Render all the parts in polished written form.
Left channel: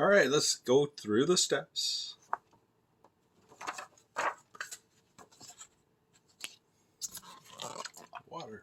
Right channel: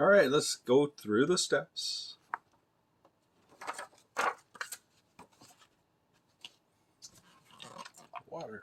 All right, let's go through the steps. Water.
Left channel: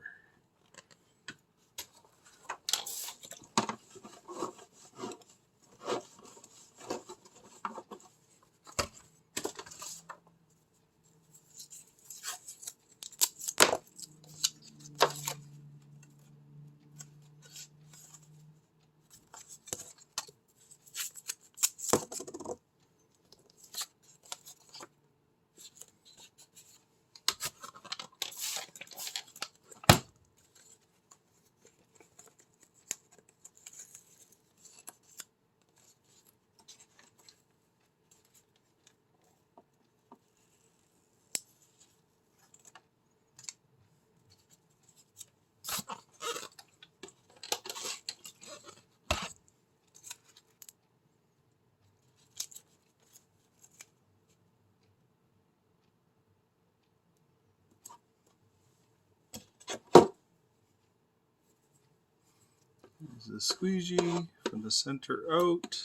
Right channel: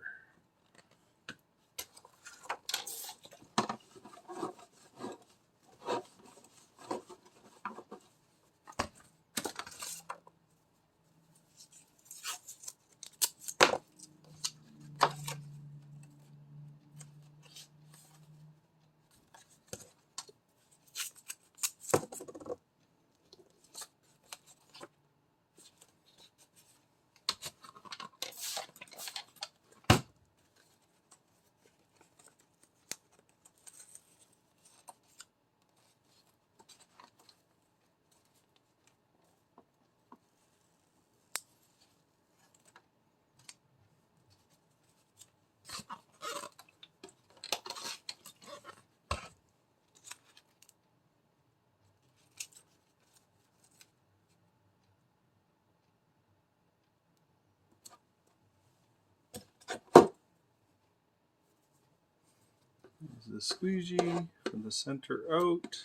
Use the squeegee from the center out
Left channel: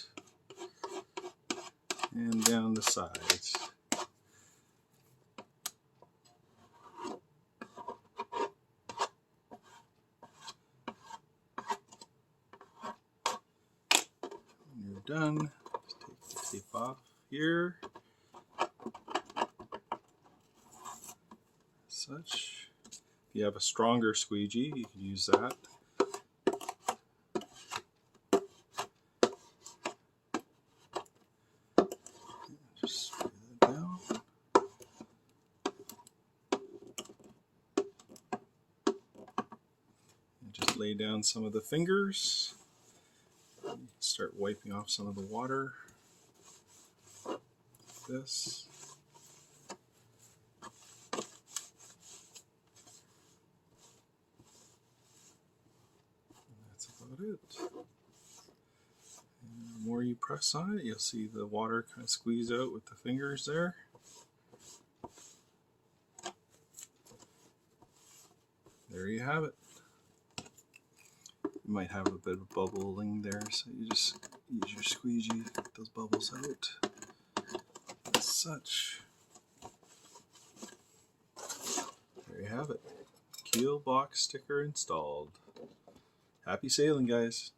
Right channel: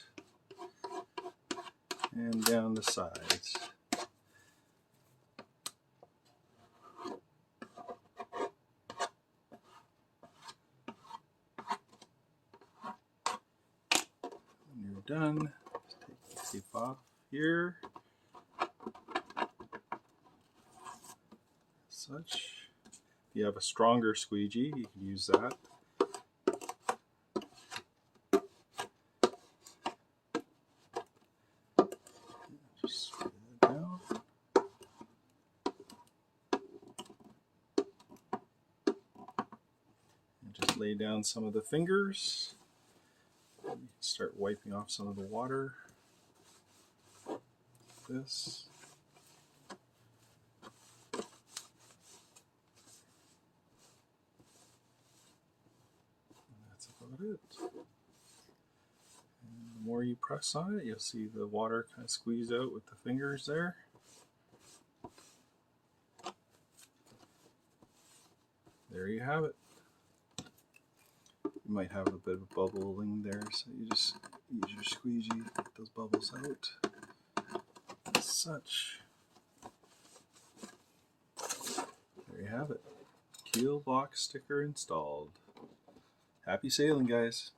and down the sides. When you're done, just take the tape off here. Such. If you have a stronger squeegee, you can use that. Just spray that down. And just lay down some of the fingers. Start wiping off some of the water. Like this. That's about it. And the more you press on it, you'll see the water kind of squeeze out with the fingers there. There you have it. You might have a bit of bubbling there, so you just use your squeegee to get those bubbles out. As such. There you have it. Keel box sticker installed. Happy sailing, guys.